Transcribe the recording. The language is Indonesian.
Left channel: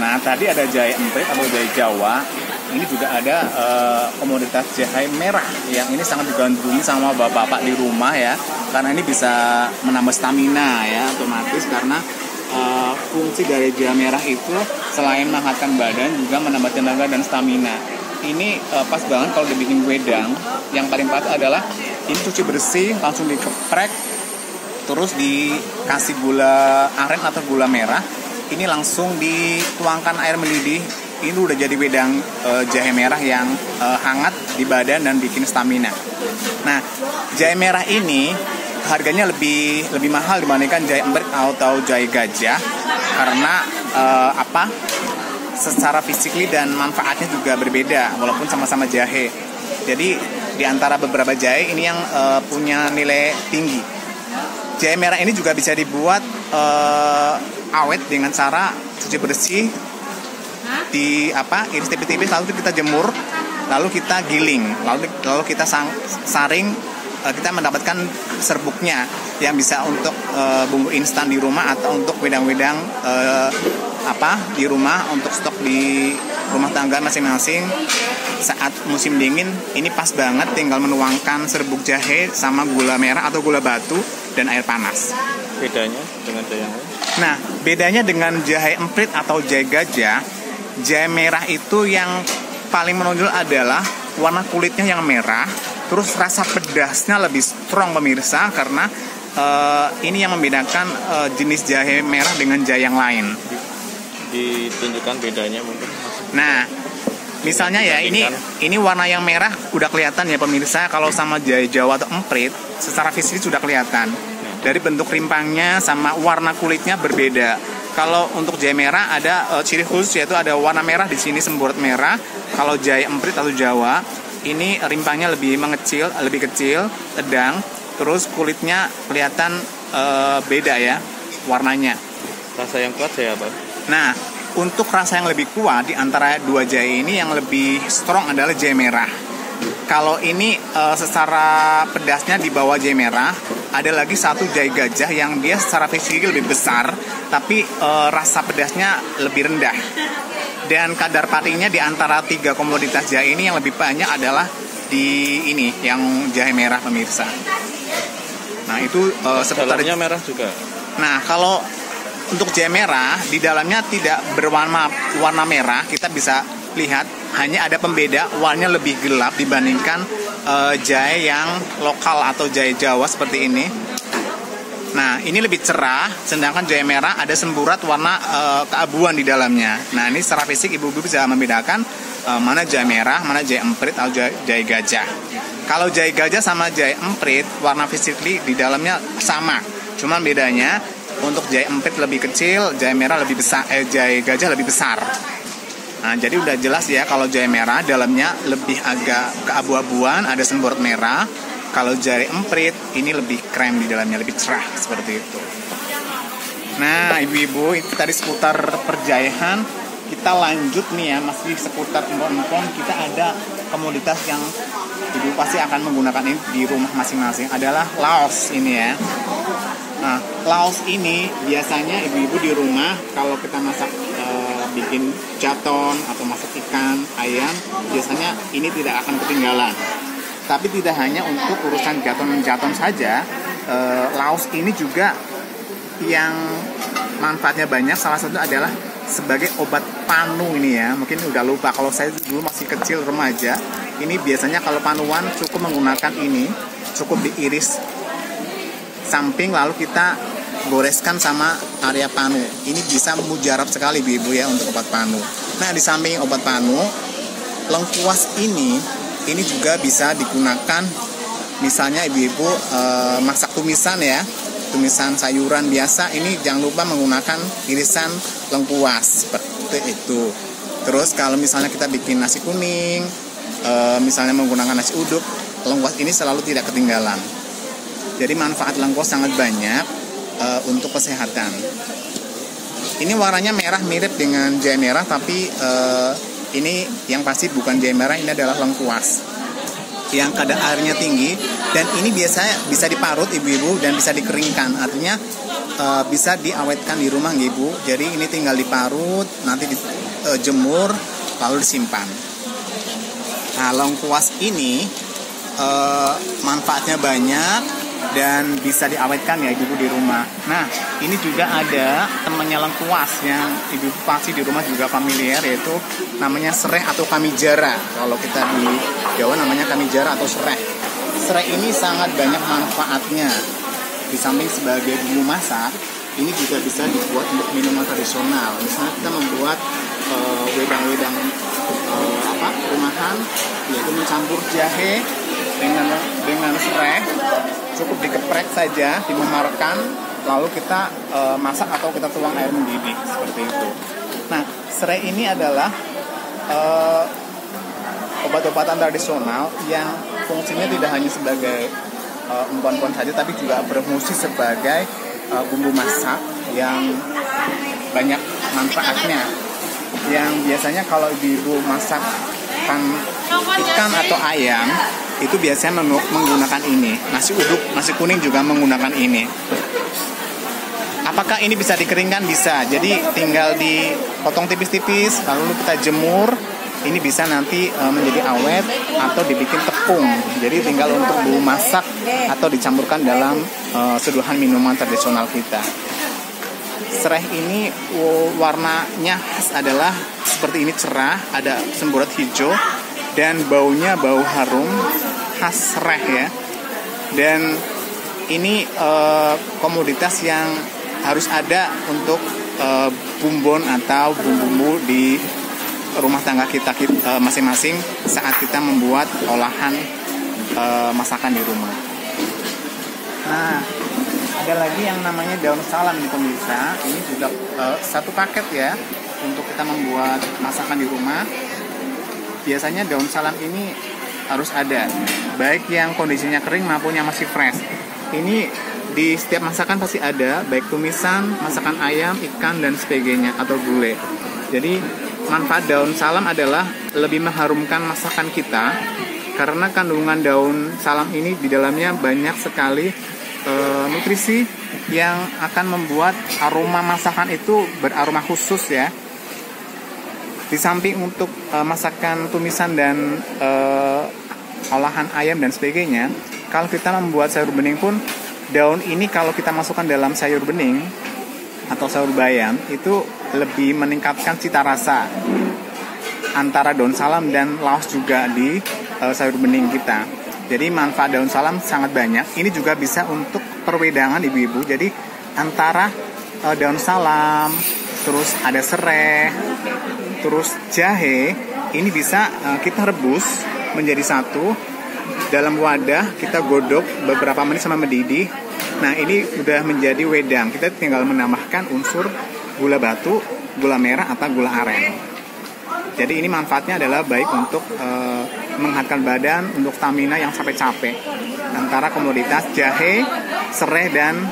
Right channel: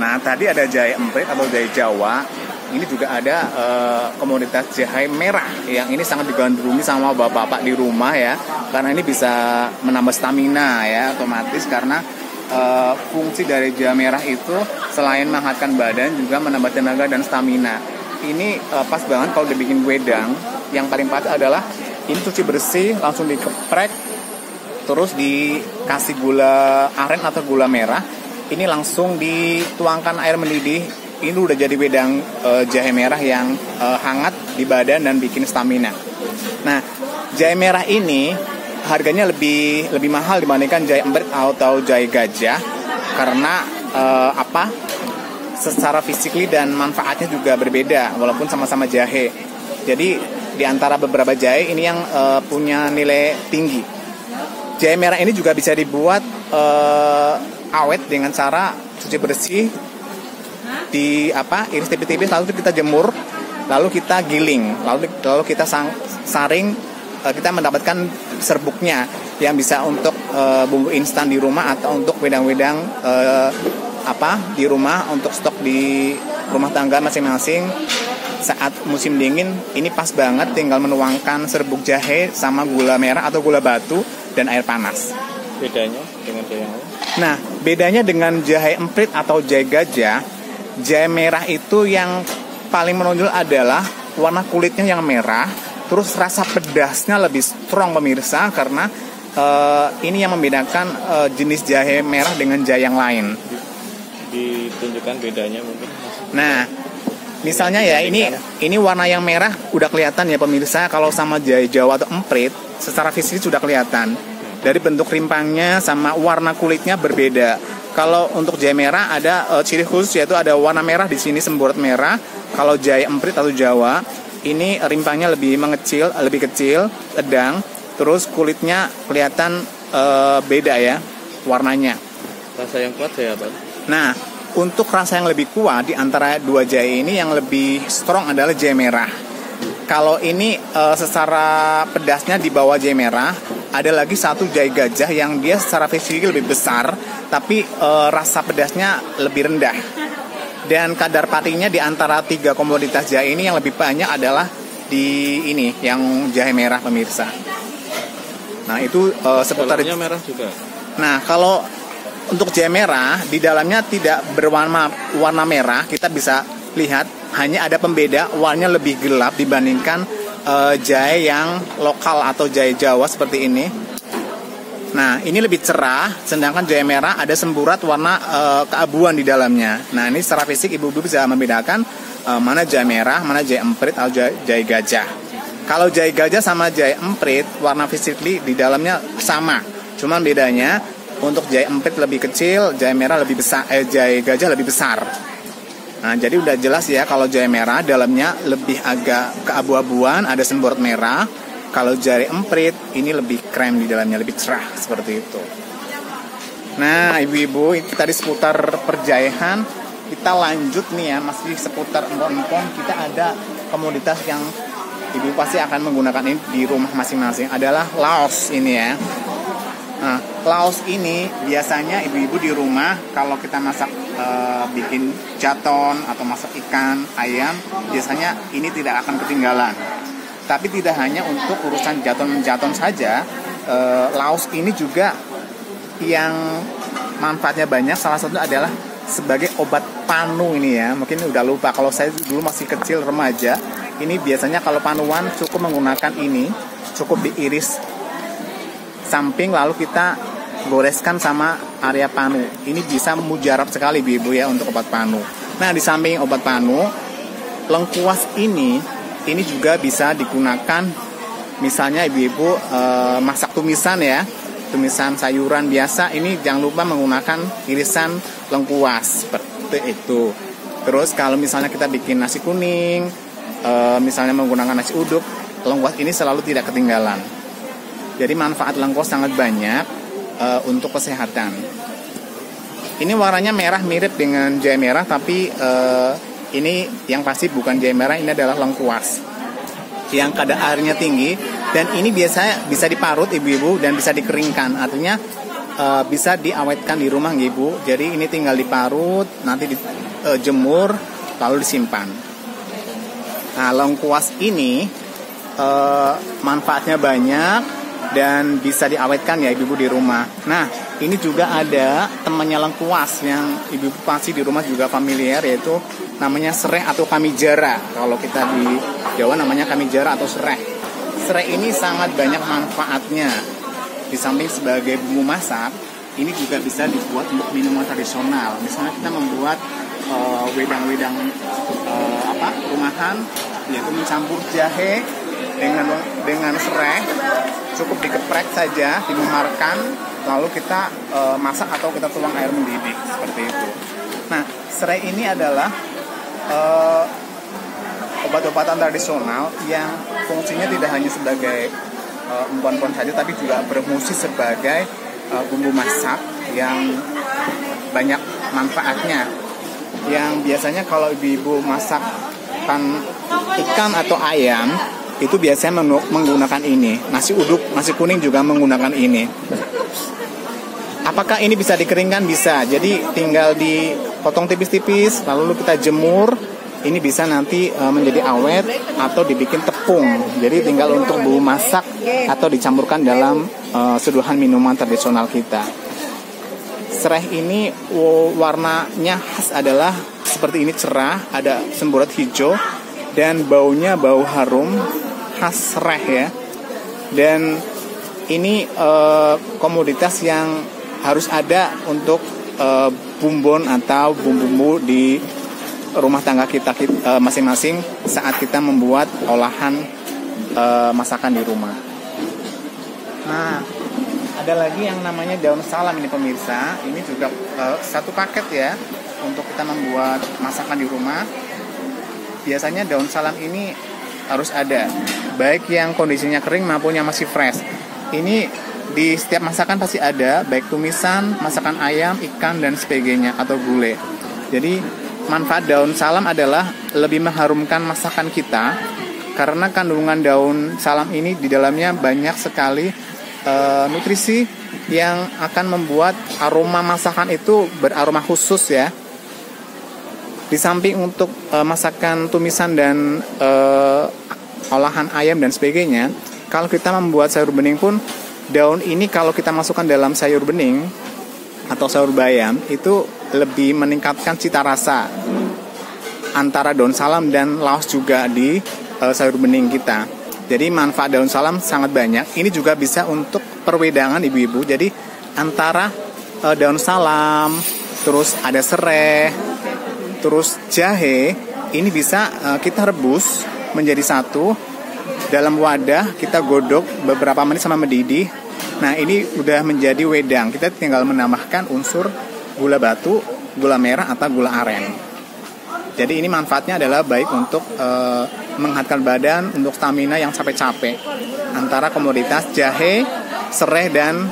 Nah, tadi ada jahe emprit atau jahe Jawa. Ini juga ada komoditas jahe merah yang ini sangat digandrungi sama bapak-bapak di rumah ya, karena ini bisa menambah stamina ya otomatis, karena fungsi dari jahe merah itu selain menghangatkan badan juga menambah tenaga dan stamina. Ini pas banget kalau dibikin wedang. Yang paling pas adalah ini cuci bersih, langsung diceprek, terus dikasih gula aren atau gula merah. Ini langsung dituangkan air mendidih. Ini udah jadi wedang jahe merah yang hangat di badan dan bikin stamina. Nah, jahe merah ini harganya lebih mahal dibandingkan jahe emprit atau jahe gajah, karena secara fisikly dan manfaatnya juga berbeda walaupun sama-sama jahe. Jadi di antara beberapa jahe ini yang punya nilai tinggi. Jahe merah ini juga bisa dibuat awet dengan cara cuci bersih, iris tipis-tipis, lalu kita jemur, lalu kita giling, lalu kita saring, kita mendapatkan serbuknya yang bisa untuk bumbu instan di rumah atau untuk wedang-wedang di rumah untuk stok di rumah tangga masing-masing. Saat musim dingin ini pas banget, tinggal menuangkan serbuk jahe sama gula merah atau gula batu dan air panas. Bedanya dengan jahe yang lain? Nah, bedanya dengan jahe emprit atau jahe gajah, jahe merah itu yang paling menonjol adalah warna kulitnya yang merah, terus rasa pedasnya lebih strong pemirsa, karena ini yang membedakan jenis jahe merah dengan jahe yang lain. Ditunjukkan bedanya mungkin. Nah, misalnya ya ini warna yang merah udah kelihatan ya pemirsa, kalau sama jahe Jawa atau emprit secara fisik sudah kelihatan. Dari bentuk rimpangnya sama warna kulitnya berbeda. Kalau untuk jahe merah ada ciri khusus, yaitu ada warna merah di sini, semburat merah. Kalau jahe emprit atau Jawa ini rimpangnya lebih kecil, sedang, terus kulitnya kelihatan beda ya warnanya. Rasa yang kuat saya apa? Nah, untuk rasa yang lebih kuat di antara dua jahe ini yang lebih strong adalah jahe merah. Kalau ini secara pedasnya di bawah jahe merah, ada lagi satu jahe gajah yang dia secara fisik lebih besar, tapi rasa pedasnya lebih rendah. Dan kadar patinya di antara tiga komoditas jahe ini yang lebih banyak adalah di ini, yang jahe merah pemirsa. Nah itu dalamnya merah juga. Nah kalau untuk jahe merah, di dalamnya tidak warna merah, kita bisa lihat hanya ada pembeda, warnanya lebih gelap dibandingkan jahe yang lokal atau jahe Jawa seperti ini. Nah ini lebih cerah, sedangkan jahe merah ada semburat warna keabuan di dalamnya. Nah ini secara fisik ibu-ibu bisa membedakan mana jahe merah, mana jahe emprit atau jahe gajah. Kalau jahe gajah sama jahe emprit, warna fisikly di dalamnya sama, cuman bedanya untuk jahe emprit lebih kecil, jahe merah lebih besar, jahe gajah lebih besar. Nah, jadi udah jelas ya kalau jahe merah dalamnya lebih agak keabu-abuan, ada semburat merah. Kalau jahe emprit ini lebih krem di dalamnya, lebih cerah seperti itu. Nah, ibu-ibu, itu tadi seputar perjayahan. Kita lanjut nih ya, masih seputar empon-empon. Kita ada komoditas yang ibu pasti akan menggunakan ini di rumah masing-masing, adalah laos ini ya. Nah, laos ini biasanya ibu-ibu di rumah kalau kita masak bikin jaton atau masak ikan, ayam, biasanya ini tidak akan ketinggalan. Tapi tidak hanya untuk urusan jaton saja, laos ini juga yang manfaatnya banyak. Salah satu adalah sebagai obat panu ini ya. Mungkin udah lupa, kalau saya dulu masih kecil remaja, ini biasanya kalau panuan cukup menggunakan ini, cukup diiris samping lalu kita goreskan sama area panu. Ini bisa mujarab sekali ibu ya untuk obat panu. Nah di samping obat panu, lengkuas ini juga bisa digunakan misalnya ibu-ibu masak tumisan ya, tumisan sayuran biasa. Ini jangan lupa menggunakan irisan lengkuas seperti itu. Terus kalau misalnya kita bikin nasi kuning, misalnya menggunakan nasi uduk, lengkuas ini selalu tidak ketinggalan. Jadi manfaat lengkuas sangat banyak untuk kesehatan. Ini warnanya merah mirip dengan jahe merah, tapi ini yang pasti bukan jahe merah, ini adalah lengkuas yang kadar airnya tinggi, dan ini biasanya bisa diparut ibu-ibu dan bisa dikeringkan. Artinya bisa diawetkan di rumah nggih Bu. Jadi ini tinggal diparut, nanti dijemur, lalu disimpan. Nah, lengkuas ini manfaatnya banyak dan bisa diawetkan ya ibu di rumah. Nah, ini juga ada temannya lengkuas yang ibu pasti di rumah juga familiar, yaitu namanya sereh atau kamijara. Kalau kita di Jawa namanya kamijara atau sereh. Sereh ini sangat banyak manfaatnya. Di samping sebagai bumbu masak, ini juga bisa dibuat untuk minuman tradisional. Misalnya kita membuat wedang-wedang rumahan, yaitu mencampur jahe dengan serai, cukup dikeprek saja, dimemarkan, lalu kita masak atau kita tuang air mendidih seperti itu. Nah, serai ini adalah obat-obatan tradisional yang fungsinya tidak hanya sebagai empon-empon saja, tapi juga berfungsi sebagai bumbu masak yang banyak manfaatnya. Yang biasanya kalau ibu masakkan ikan atau ayam, itu biasanya menggunakan ini. Nasi uduk, nasi kuning juga menggunakan ini. Apakah ini bisa dikeringkan? Bisa. Jadi tinggal dipotong tipis-tipis, lalu kita jemur. Ini bisa nanti menjadi awet atau dibikin tepung. Jadi tinggal untuk bumbu masak atau dicampurkan dalam seduhan minuman tradisional kita. Serai ini warnanya khas adalah seperti ini, cerah, ada semburat hijau dan baunya bau harum khas serai ya. Dan ini komoditas yang harus ada untuk bumbon atau bumbu-bumbu di rumah tangga kita masing-masing saat kita membuat olahan masakan di rumah. Nah, ada lagi yang namanya daun salam ini pemirsa. Ini juga satu paket ya untuk kita membuat masakan di rumah. Biasanya daun salam ini harus ada, baik yang kondisinya kering maupun yang masih fresh. Ini di setiap masakan pasti ada, baik tumisan, masakan ayam, ikan dan sebagainya atau gulai. Jadi manfaat daun salam adalah lebih mengharumkan masakan kita karena kandungan daun salam ini di dalamnya banyak sekali nutrisi yang akan membuat aroma masakan itu beraroma khusus ya. Di samping untuk masakan tumisan dan olahan ayam dan sebagainya, kalau kita membuat sayur bening pun, daun ini kalau kita masukkan dalam sayur bening atau sayur bayam itu lebih meningkatkan cita rasa antara daun salam dan laos juga di sayur bening kita. Jadi manfaat daun salam sangat banyak. Ini juga bisa untuk perwedangan ibu-ibu. Jadi antara daun salam, terus ada serai, terus jahe, ini bisa kita rebus menjadi satu dalam wadah, kita godok beberapa menit sama mendidih. Nah, ini udah menjadi wedang. Kita tinggal menambahkan unsur gula batu, gula merah atau gula aren. Jadi ini manfaatnya adalah baik untuk menghangatkan badan, untuk stamina yang capek-capek. Antara komoditas jahe, serai dan